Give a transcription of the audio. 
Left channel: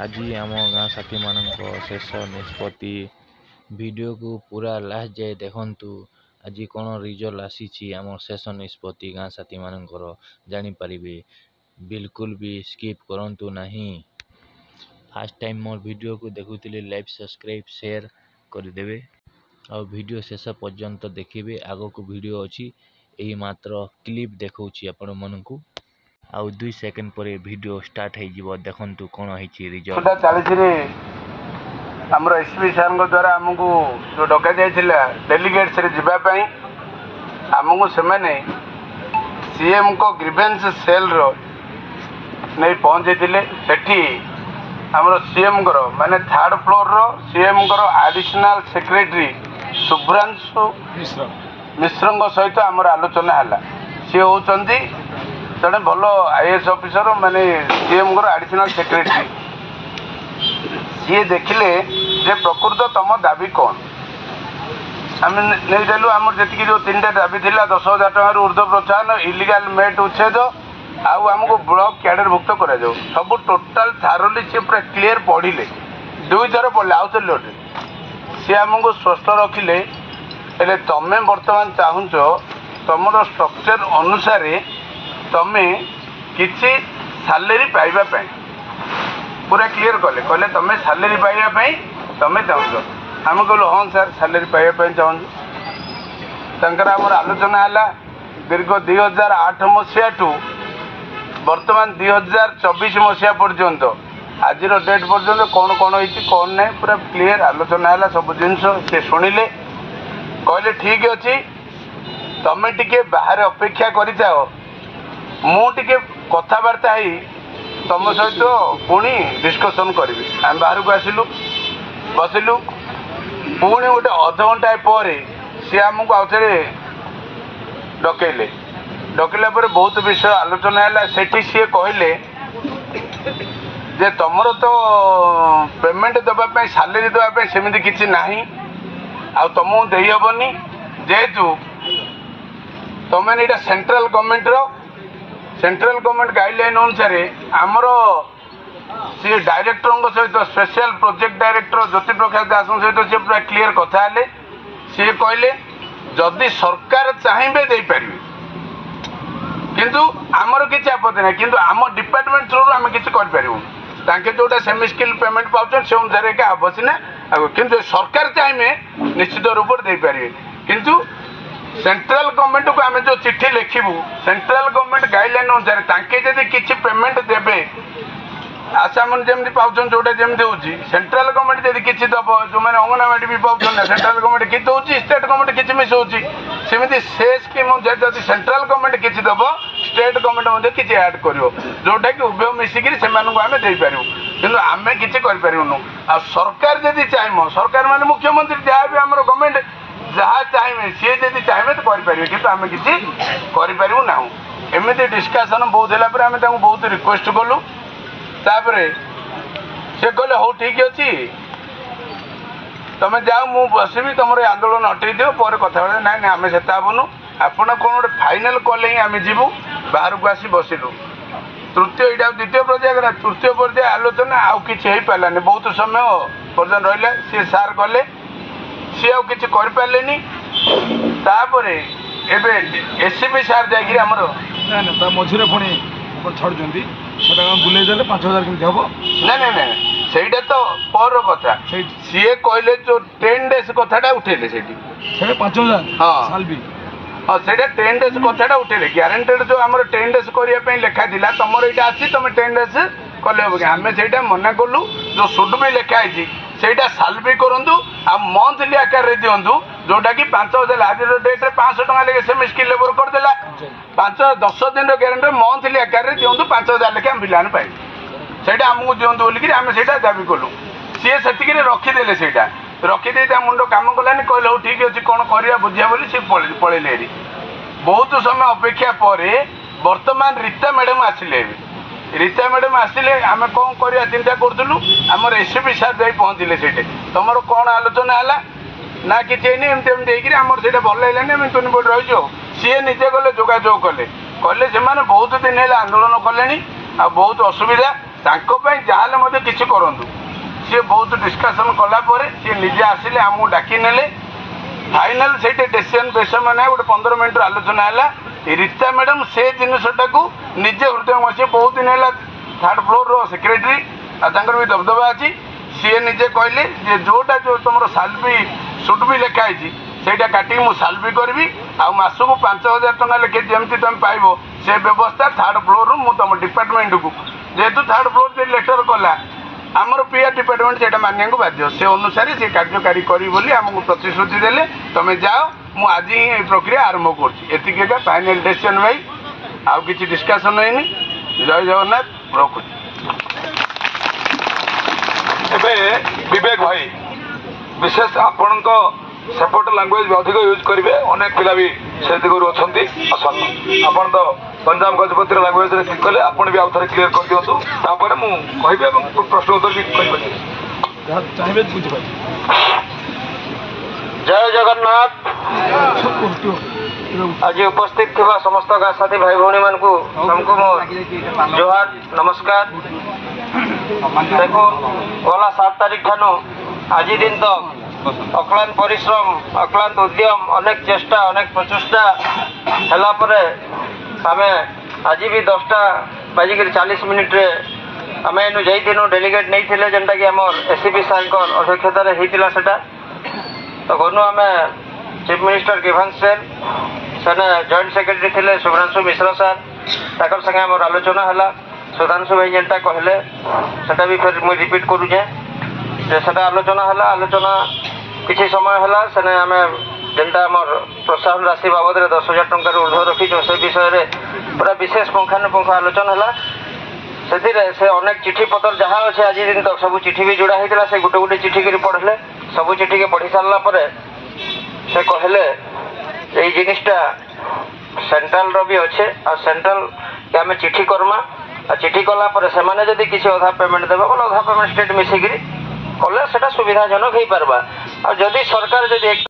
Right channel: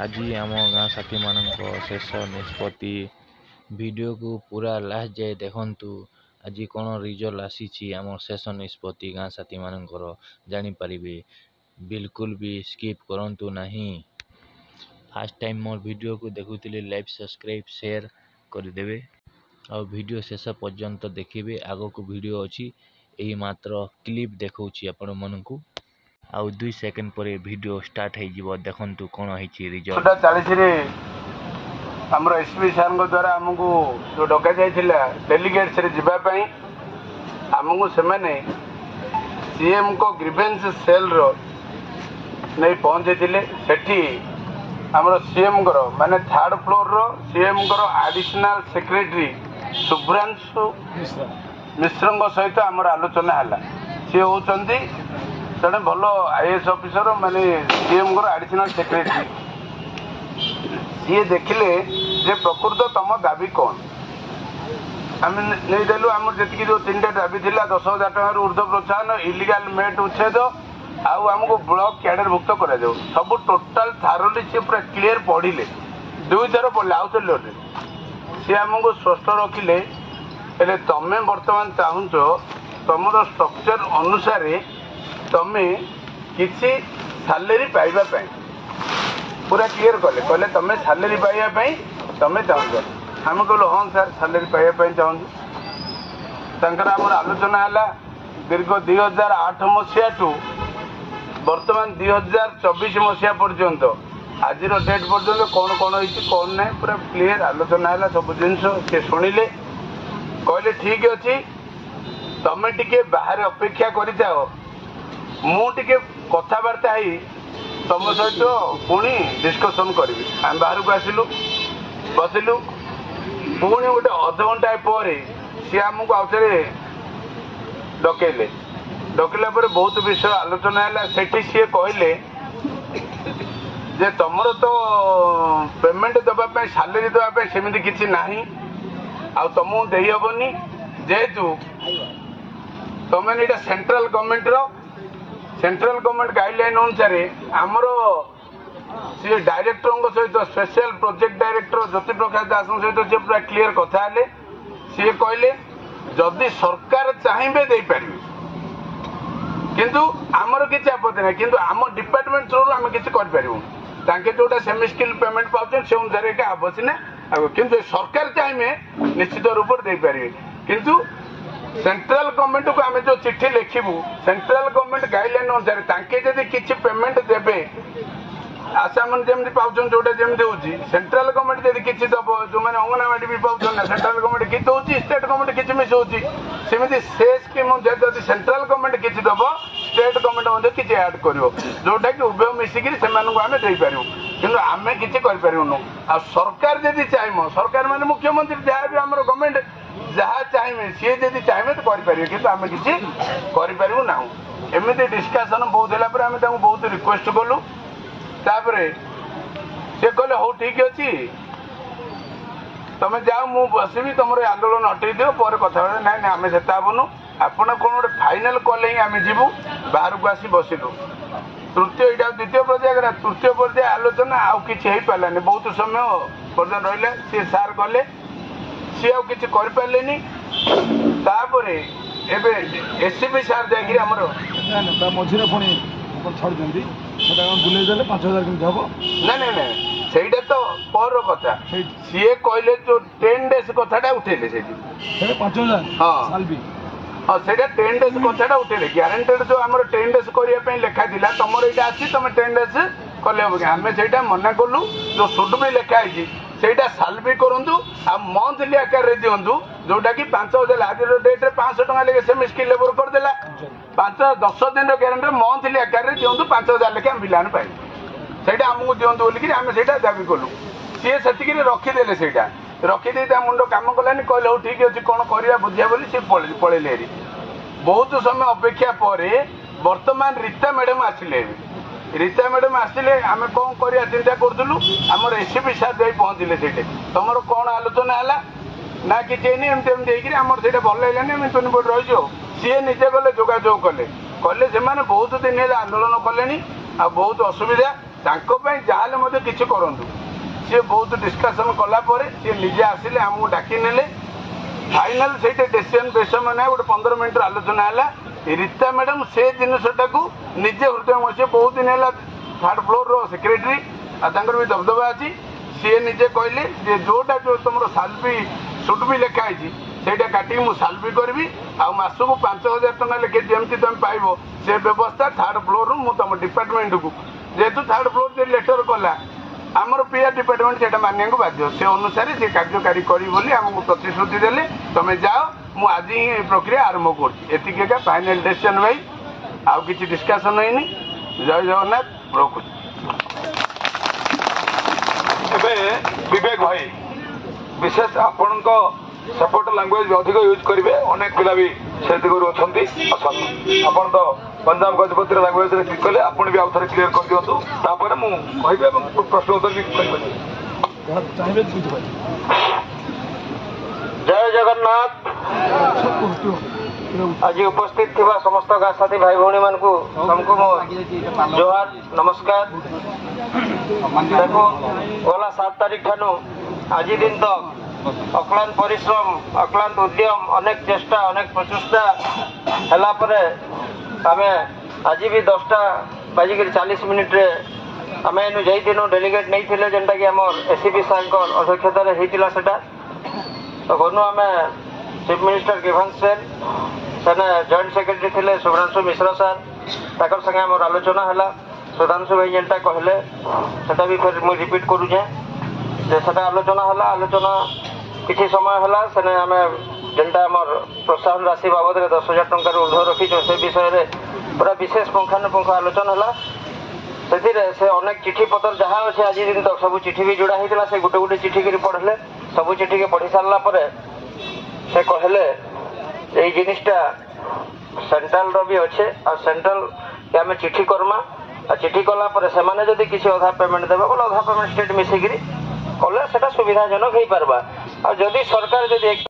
आज आम गाँ साथी मान शेष निष्पत्ति वीडियो को पूरा लास्ट जाए देखु। आज कौन रिजल्ट आसी आम शेष निष्पत्ति गाँ साथी मानकर जानीपारे। बिल्कुल भी स्किप करूँ नहीं। फास्ट टाइम मोर वीडियो को देखुले लाइक सब्सक्राइब शेयर करदे और वीडियो शेष पर्यंत देखिए। आग को वीडियो अच्छी यही मात्र क्लिप देखा आपण मन को आउ 2 सेकंड पर वीडियो स्टार्ट हो देखु कौन है रिजल्ट। 40 आमर एसपी सार द्वारा आमको जो डक जाइए डेलीगेट्स जावाई आमको से सीएम को ग्रीवेंस सेल नहीं पहुँचे सेठी आमर सीएम माने 3rd फ्लोर रो सीएम एडिशनल सेक्रेटरी शुभ्रांशु मिश्र सहित आमर आलोचना है। सी होती जड़े भल आईएएस ऑफिसर माने सीएम एडिशनल सेक्रेटरी सी देखिले जे प्रकृत तुम दाबी कौन आम नहीं देलु। आम जी जो 3टा दाबी थी 10,000 टकर ऊर्ध्व प्रोत्साहन इलिगाल मेट उच्छेद आमको ब्लॉक कैडरभुक्त कर सब टोटाल थारोली सी पूरा क्लीयर पढ़िले 2 थर पढ़ले आउ थे लोटे सी आमको स्पष्ट रखिले तमें बर्तमान चाहूच तुम स्ट्रक्चर अनुसार तमें किसी सैलरी पाइबा पूरा क्लीयर कले कहले तुम्हें सैलरी पाइबा तुम्हें चाहूच आम कहलु हाँ सर सैलरी पाइबा चाहूँ। आमर आलोचना है दीर्घ 2008 मसीहा टू बर्तमान 2024 मसीहा पर्यंत आज डेट पर्यंत कौन कौन होती कौन ना पूरा क्लीयर आलोचना है। सब जिनस सी शुणिले कहले ठीक अच्छे तमें टिके बाहर अपेक्षा कर मुझे कथबार्ता तुम सहित पुणी डिस्कसन करी आम बाहर को आसिलु बसिलु पुणी गोटे अध घंटा पर सी आमको आउे डकैले डकैला बहुत विषय आलोचना है। सेठी सी कहले जे तुमर तो पेमेंट देवाई सैलरी देवाई सेमती किसी ना तुमको देहबनी जेहेतु तुम सेंट्रल गवर्नमेंट गाइडलाइन अनुसार आमर सी डायरेक्टर सहित special project director Jyoti Prakash दास सहित सी पूरा क्लीयर कथा है। सी कहले जदि सरकार चाहिए दे पारे किंतु आमर किसी आपत्ति ना किंतु आम डिपार्टमेंट थ्रू आम किसी कर जोटा सेमी स्किल पेमेंट पाँच से अनुसार क्या हम सीना किंतु सरकार चाहिए निश्चित रूप से दे पारे किंतु सेंट्रल गवर्नमेंट को आम जो चिट्ठी लिखू सेंट्रल गवर्नमेंट गाइडलाइन अनुसार तांके जदि किसी पेमेंट देवे आशा मन जमी पाँच जोटा जमी होती सेंट्रल गवर्नमेंट जब किसी दब जो मैंने अंगनवाड़ी भी पाँच ना सेंट्रल गवर्नमेंट किसी होती स्टेट गवर्नमेंट किसी मिस होती सेमती से स्कीम जब सेंट्रल गवर्नमेंट किसी दब स्टेट गवर्नमेंट किसी ऐड कर जोटा कि उभय मिसिकी से आम देपारू कि आम किसी करूँ आ सरकार जदि चाहिए सरकार मान मुख्यमंत्री जहाँ भी आम गवर्नमेंट जहाँ चाहिए सी जब चाहिए तो करें कि आम किसी करूँ ना एमती डिस्कसन बहुत है आम बहुत रिक्वेस्ट कलु तापर से कहले हो ठीक अच्छे तुम जाओ मु बसबी तुम आंदोलन हटे दियो पर कथा ना ना आम से हेबुनु आपण कौन गोटे फाइनाल कले ही आम जीवु बाहर को आसी बसिलु तृतीय यहाँ द्वितीय पर्याय तृतीय पर्याय आलोचना आउ कि पारानी बहुत समय पर्यटन रहा सी सार गले सी आउ कि पारे तापर एसपी सार जामर मझे पुणी छाड़ी बुले 5,000 केमती हम ना ना ना ସେଇଟା ତ ପର କଥା ସିଏ କହିଲେ ଯୋଉ 10 ଡେଜ୍ କଥାଟା ଉଠେଇଲେ ସେଠି 5,000 ହଁ ହଁ ସେଇଟା 10 ଡେଜ୍ କଥାଟା ଉଠେଇଲେ ଗ୍ୟାରେଣ୍ଟେଡ୍ ଯୋଉ ଆମର 10 ଡେଜ୍ କରିବା ପାଇଁ ଲେଖା ଥିଲା ତମର ଏଇଟା ଅଛି ତମେ 10 ଡେଜ୍ କଲେ ହବ କି ଆମେ ସେଇଟା ମନା କଲୁ ଯୋଉ ସୁଡ୍ ବି ଲେଖା ହେଇଛି ସେଇଟା ସାଲ୍ ବି କରନ୍ତୁ ଆଉ ମନ୍ଥଲି ଆକାରରେ ଦିଅନ୍ତୁ ଯୋଉଟା କି 5,000 ଆଜିର ଡେଟ୍ରେ 500 ଟଙ୍କା ଲେଖେ ସେମି ସ୍କିଲ୍ ଲେବର କରିଦେଲା 10 ଦିନର ଗ୍ୟାରେଣ୍ଟି ମନ୍ଥଲି ଆକାରରେ ଦିଅନ୍ତୁ 5,000 ଲେଖେ ଆମେ ପିଲାମାନେ ପାଇବୁ ସେଇଟା ଆମକୁ ଦିଅନ୍ତୁ ବୋଲିକି ଆମେ ସେଇଟା ଦାବି କଲୁ ସିଏ ସେତିକିରେ ରଖିଦେଲେ ସେଇଟା ରଖିଦେଇ ତା ମୁଣ୍ଡ କାମ କଲାନି କହିଲେ ହଉ ଠିକ୍ ଅଛି କ'ଣ କରିବା ବୁଝିବା ବୋଲି ସେ ପଳେଇଲେ ହେରି ବହୁତ ସମୟ ଅପେକ୍ଷା ପରେ ବର୍ତ୍ତମାନ ରୀତା ମ୍ୟାଡ଼ାମ୍ ଆସିଲେ ରୀତା ମ୍ୟାଡ଼ାମ୍ ଆସିଲେ ଆମେ କ'ଣ କରିବା ଚିନ୍ତା କରୁଥିଲୁ ଆମର ଏସପି ସାର୍ ଯାଇ ପହଞ୍ଚିଲେ ସେଇଠି ତମର କ'ଣ ଆଲୋଚନା ହେଲା ନା କିଛି ହେଇନି ଏମିତି ଏମିତି ହେଇକିରି ଆମର ସେଇଟା ଭଲ ଲାଗିଲାନି ଆମେ ତୁନି ବୋର୍ଡ଼ ରହିଛୁ ଆଉ ସିଏ ନିଜେ ଗଲେ ଯୋଗାଯୋଗ କଲେ କହିଲେ ସେମାନେ ବହୁତ ଦିନ ହେଲା ଆନ୍ଦୋଳନ କଲେଣି ଆଉ ବହୁତ ଅସୁବିଧା ତାଙ୍କ ପାଇଁ ଯାହାହେଲେ ମଧ୍ୟ କିଛି କରନ୍ତୁ। ସିଏ ବହୁତ ଡିସ୍କସନ୍ କଲା ପରେ ସିଏ ନିଜେ ଆସିଲେ ଆମକୁ ଡାକି ନେଲେ। ଫାଇନାଲ ସେଇଠି ଡିସିସନ୍ ବେଶୀ ମାନେ ଗୋଟେ 15 ମିନିଟ୍ର ଆଲୋଚନା ହେଲା। ରୀତା ମ୍ୟାଡ଼ାମ୍ ସେ ଜିନିଷଟାକୁ ନିଜେ ହୃଦୟଙ୍ଗମ, ସିଏ ବହୁତ ଦିନ ହେଲା 3rd ଫ୍ଲୋର୍ର ସେକ୍ରେଟାରୀ, ଆଉ ତାଙ୍କର ବି ଦବଦବା ଅଛି। ସିଏ ନିଜେ କହିଲେ ଯେ ଯୋଉଟା ତମର ସାଲବି ସୁଟ୍ ବି ଲେଖା ହେଇଛି ସେଇଟା କାଟିକି ମୁଁ ସାଲବି କରିବି, ଆଉ ମାସକୁ 5,000 ଟଙ୍କା ଲେଖେ ଯେମିତି ତମେ ପାଇବ ସେ ବ୍ୟବସ୍ଥା 3rd ଫ୍ଲୋର୍ରୁ ମୁଁ ତମ ଡିପାର୍ଟମେଣ୍ଟକୁ, ଯେହେତୁ 3rd ଫ୍ଲୋର୍ ଯେ ଲେଟର କଲା ଆମର ପିଆର ଡିପାର୍ଟମେଣ୍ଟ ସେଇଟା ମାନିବାକୁ ବାଧ୍ୟ, ସେ ଅନୁସାରେ ସେ କାର୍ଯ୍ୟକାରୀ କରିବି ବୋଲି ଆମକୁ ପ୍ରତିଶ୍ରୁତି ଦେଲେ। ତମେ ଯାଅ, ମୁଁ ଆଜି ହିଁ ଏହି ପ୍ରକ୍ରିୟା ଆରମ୍ଭ କରୁଛି। ଏତିକି ଏକା ଫାଇନାଲ ଡିସିସନ୍ ଭାଇ, ଆଉ କିଛି ଡିସ୍କସନ୍ ହେଇନି। ଜୟ ଜଗନ୍ନାଥ, ରଖୁଛି। ଏବେ ବିବେକ ଭାଇ ବିଶେଷ ଆପଣଙ୍କ ସେପଟ ଲାଙ୍ଗୁଏଜ ଅଧିକ ୟୁଜ୍ କରିବେ, ଅନେକ ପିଲା ବି ସେ ଦିଗରୁ ଅଛନ୍ତି। ଆସନ୍ତୁ, ଆପଣ ତ ଗଞ୍ଜାମ ଗଜପତିର ଲାଙ୍ଗୁଏଜରେ କ୍ଲିକ୍ କଲେ, ଆପଣ ବି ଆଉ ଥରେ କ୍ଲିୟର କରିଦିଅନ୍ତୁ, ତାପରେ ମୁଁ କହିବି ଏବଂ ପ୍ରଶ୍ନ ଉତ୍ତର ବି କରିପାରିବି। ଯାହା ଚାହିଁବେ ବୁଝିପାରିବେ। ଜୟ ଜଗନ୍ନାଥ। ଆଜି ଉପସ୍ଥିତ ଥିବା ସମସ୍ତ ଗାଁ ସାଥୀ ଭାଇ ଭଉଣୀ ମାନଙ୍କୁ ତମକୁ ମୋ ଜୁହାର ନମସ୍କାର। ଦେଖୁ ଗଲା 7 ତାରିଖ ଠାନୁ ଆଜି ଦିନ ତ ଅକ୍ଳାନ୍ତ ପରିଶ୍ରମ, ଅକ୍ଳାନ୍ତ ଉଦ୍ୟମ, ଅନେକ ଚେଷ୍ଟା, ଅନେକ ପ୍ରଚେଷ୍ଟା ହେଲା ପରେ ଆମେ ଆଜି ବି 10:40 ଆମେ ଏନୁ ଯାଇଥିଲୁ। ଡେଲିଗେଟ୍ ନେଇଥିଲେ ଯେନ୍ଟାକି ଆମର ଏସିପି ସାର୍ଙ୍କର ଅଧ୍ୟକ୍ଷତାରେ ହେଇଥିଲା ସେଟା। ତ ଗନୁ ଆମେ ଚିଫ୍ ମିନିଷ୍ଟର ଗିଭାନ୍ସ ସେନ୍, ସେନେ ଜଏଣ୍ଟ ସେକ୍ରେଟାରୀ ଥିଲେ ଶୁଭ୍ରାଂଶୁ ମିଶ୍ର ସାର୍, ତାଙ୍କର ସାଙ୍ଗେ ଆମର ଆଲୋଚନା ହେଲା। ସୁଧାଂଶୁ ଭାଇ ଯେନ୍ଟା କହିଲେ ସେଟା ବି ଫେର୍ ମୁଇଁ ରିପିଟ୍ କରୁଛେ ଯେ ସେଟା ଆଲୋଚନା ହେଲା। ଆଲୋଚନା କିଛି ସମୟ ହେଲା, ସେନେ ଆମେ ଯେନ୍ଟା ଆମର ପ୍ରୋତ୍ସାହନ ରାଶି ବାବଦରେ 10,000 ଟଙ୍କାରୁ ଉର୍ଦ୍ଧ୍ୱ ରଖିଛୁ ସେ ବିଷୟରେ ପୁରା ବିଶେଷ ପୁଙ୍ଖାନୁପୁଙ୍ଖ ଆଲୋଚନା ହେଲା। ସେଥିରେ ସେ ଅନେକ ଚିଠି ପତ୍ର ଯାହା ଅଛି ଆଜି ଦିନ ତକ ସବୁ ଚିଠି ବି ଯୋଡ଼ା ହେଇଥିଲା। ସେ ଗୋଟେ ଗୋଟେ ଚିଠିକି ପଢ଼ିଲେ, ସବୁ ଚିଠିକି ପଢ଼ି ସାରିଲା ପରେ ସେ କହିଲେ ଏଇ ଜିନିଷଟା ସେଣ୍ଟ୍ରାଲର ବି ଅଛେ, ଆଉ ସେଣ୍ଟ୍ରାଲକେ ଆମେ ଚିଠି କର୍ମା, ଆଉ ଚିଠି କଲା ପରେ ସେମାନେ ଯଦି କିଛି ଅଧା ପେମେଣ୍ଟ ଦେବେ ବୋଲେ ଅଧା ପେମେଣ୍ଟ ଷ୍ଟେଟ୍ ମିଶିକିରି କଲେ ସେଟା ସୁବିଧାଜନକ ହେଇପାରବା। ଆଉ ଯଦି ସରକାର ଯଦି